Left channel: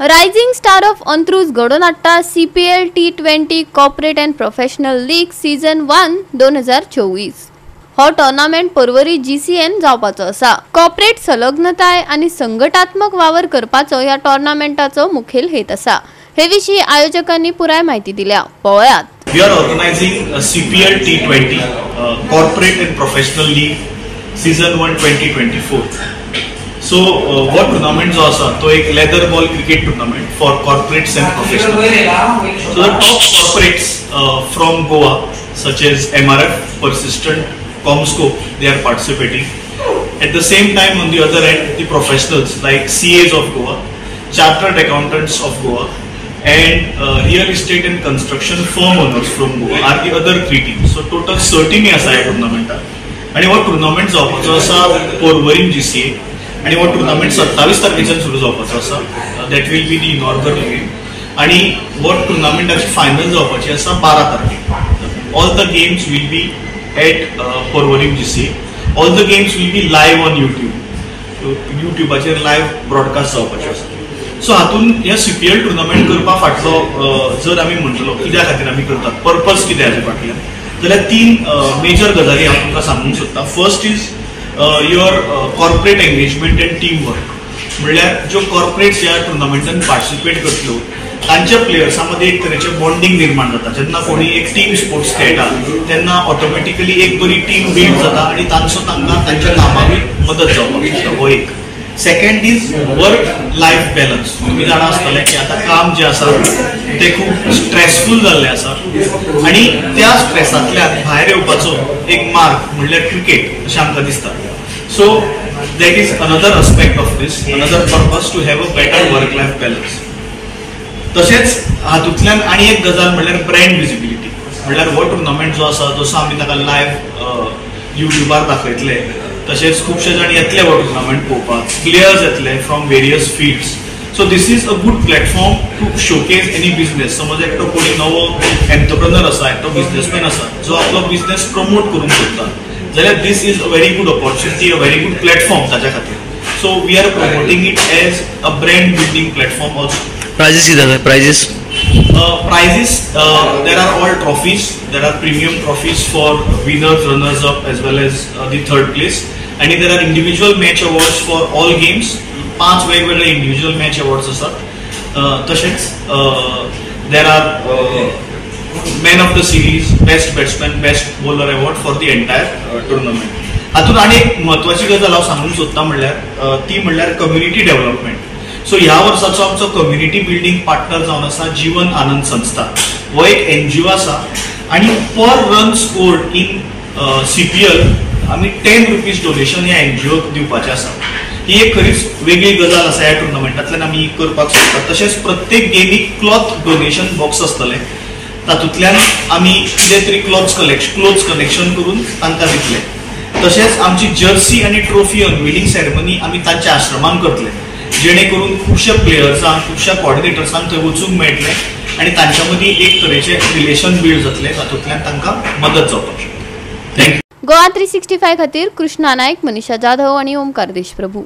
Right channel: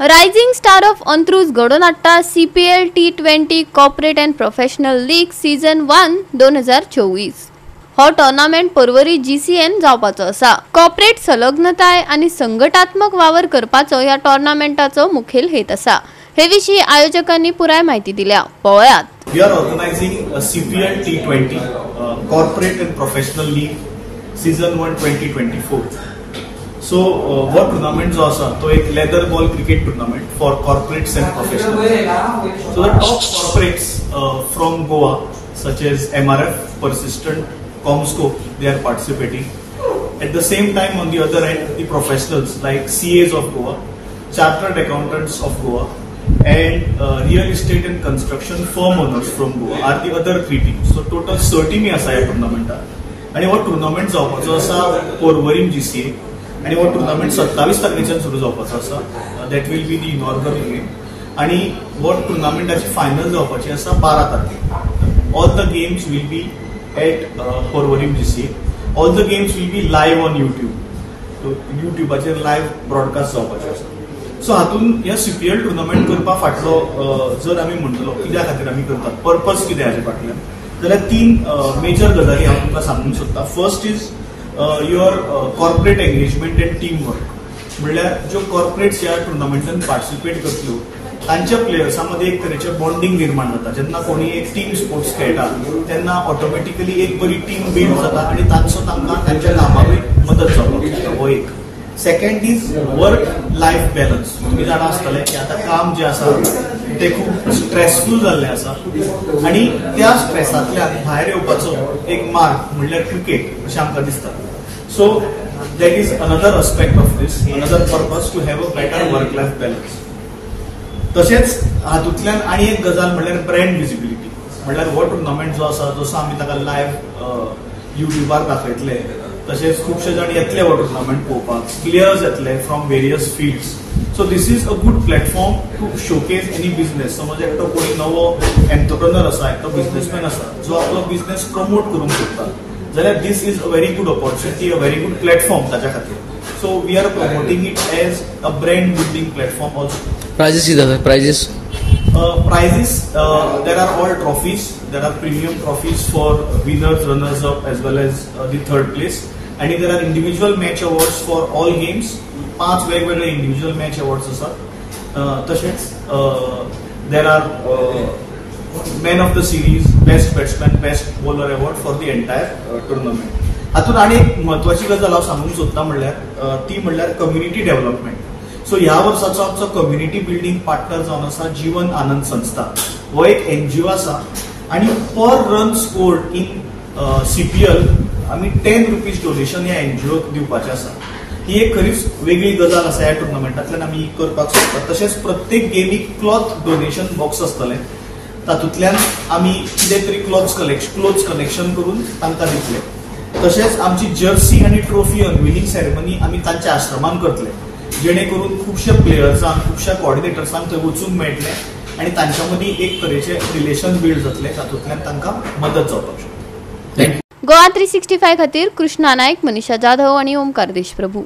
Rising star of Antruz घडोवन हाडटा CPL T20 corporate end professional league season 1 2024। हो tournament Porvorim GCN जावपाचो आसा। कॉर्पोरेट संलग्नताय आनी संघटात्मक वावर करपाचो ह्या टोर्नामेंटाचो मुखेल हेत आसा। हे विशीं आयोजकांनी पुराय माहिती दिल्या। पळयात। We are organizing a CPL T20 Corporate and Professional League Season 1 2024. So what tournament जो आसा तो एक leather ball cricket tournament for corporates and professionals. So the top corporates from Goa such as MRF, Persistent, Comscope, they are participating. At the same time, on the other end, the professionals like CAs of Goa, Chartered Accountants of Goa, and real estate and construction firm owners from Goa are the other 3 teams. So total 13 आसा ह्या टुर्नामेंटाक. आणि हो tournament जावपाचो आसा Porvorim GCA. आणि हो tournament 27 तारखेच्यान सुरू जावपाचो आसा. That will be the inaugural game. आणि हो टुर्नामेंटाची फायनल जावपाची आसा 12 तारखेक. All the games will be at Porvorim GCA. All the games will be live on युट्यूबाचेर लायव्ह ब्रॉडकास्ट जावपाचे आसा. सो हातून ह्या CPL टुर्नामेंट करपा फाटलो जर आमी म्हणटलो कित्या खातीर आमी करतात, पर्पज कितें हाजे फाटल्यान, जाल्यार 3 मेजर गजाली हांव तुमकां सांगूंक सोदतां. First is your corporate engagement end team work. म्हणल्यार ज्यो कॉर्पोरेट्स ह्या टुर्नामेंटान पार्टिसिपेट करतल्यो तांच्या प्लेयर्सां मदीं एक तरेचें बॉन्डिंग निर्माण जाता. जेन्ना कोणी एक टीम स्पोर्ट्स खेळटा तेन्ना ऑटोमॅटिकली एक बरी टीम बिल्ड जाता आनी तांकां तांच्या कामाक मदत जावपाक शकता. हो एक. Second is work life balance. तुम्ही जाणा आसतले की आता काम जे आसा ते खूप स्ट्रेसफुल जाल्लें आसा आनी त्या स्ट्रेसांतल्यान भायर येवपाचो एक मार्ग म्हणल्यार क्रिकेट अशें आमकां दिसता. So that is another aspect of this, another purpose to have a better work life balance. तशेंच हातूंतल्यान आनी एक गजाल म्हणल्यार ब्रँड विजिबिलिटी. म्हणल्यार हो टुर्नामेंट जो आसा जसो आमी ताका लायव्ह युट्यूबार दाखयतले तशेंच खुबशे जाण येतले हो टुर्नामेंट पळोवपाक. प्लेयर्स येतले from various fields. So this is a good platform to showcase any business. समज एकटो कोणी नवो एंटरप्रेनर आसा, एकटो बिझनेसमॅन आसा जो आपलो बिझनेस प्रमोट करूंक सोदता, जाल्यार this is a very good opportunity, a very good platform ताच्या खातीर. So we are promoting it as a brand building platform also. Prizes किती prizes? Prizes, there are all trophies. There are premium trophies for winners, runners up as well as the third place. And there are individual match awards for all games. 5 वेगवेगळे individual match awards असतात. तसेच there are man of the series, best batsman, best bowler award for the entire tournament. हातून आणि एक महत्वाची गजाल हांव सांगूंक सोदता म्हणल्यार ती म्हणल्यार कम्युनिटी डेव्हलपमेंट. सो ह्या वर्साचो आमचो कम्युनिटी बिल्डिंग पार्टनर जावन आसा जीवन आनंद संस्था. हो एक NGO आसा आनी पर रन स्कोर्ड इन CPL आमी 10 रुपीज डोनेशन ह्या NGOक दिवपाचें आसा. ही एक खरीच वेगळी गजाल आसा ह्या टुर्नामेंटांतल्यान आमी करपाक सोदतात. तशेंच प्रत्येक गेमीक क्लॉथ डोनेशन बॉक्स आसतलें. तातूंतल्यान आमी कितें तरी क्लोथ्स कलेक्शन करून तांकां दितले. तशेंच आमची जर्सी आनी ट्रॉफी अनविलिंग सेरेमनी आमी तांच्या आश्रमान करतले, जेणे करून खुबशा प्लेयर्सांक, खुबशा कॉर्डिनेटर्सांक थंय वचूंक मेळटलें आनी तांच्या मदीं एक तरेचें रिलेशन बिल्ड जातलें, तातूंतल्यान तांकां मदत जावपाक शकता. थँक्यू. गोवा 365 खातीर कृष्णा नायक, मनीषा जाधव आनी ओमकार देशप्रभू.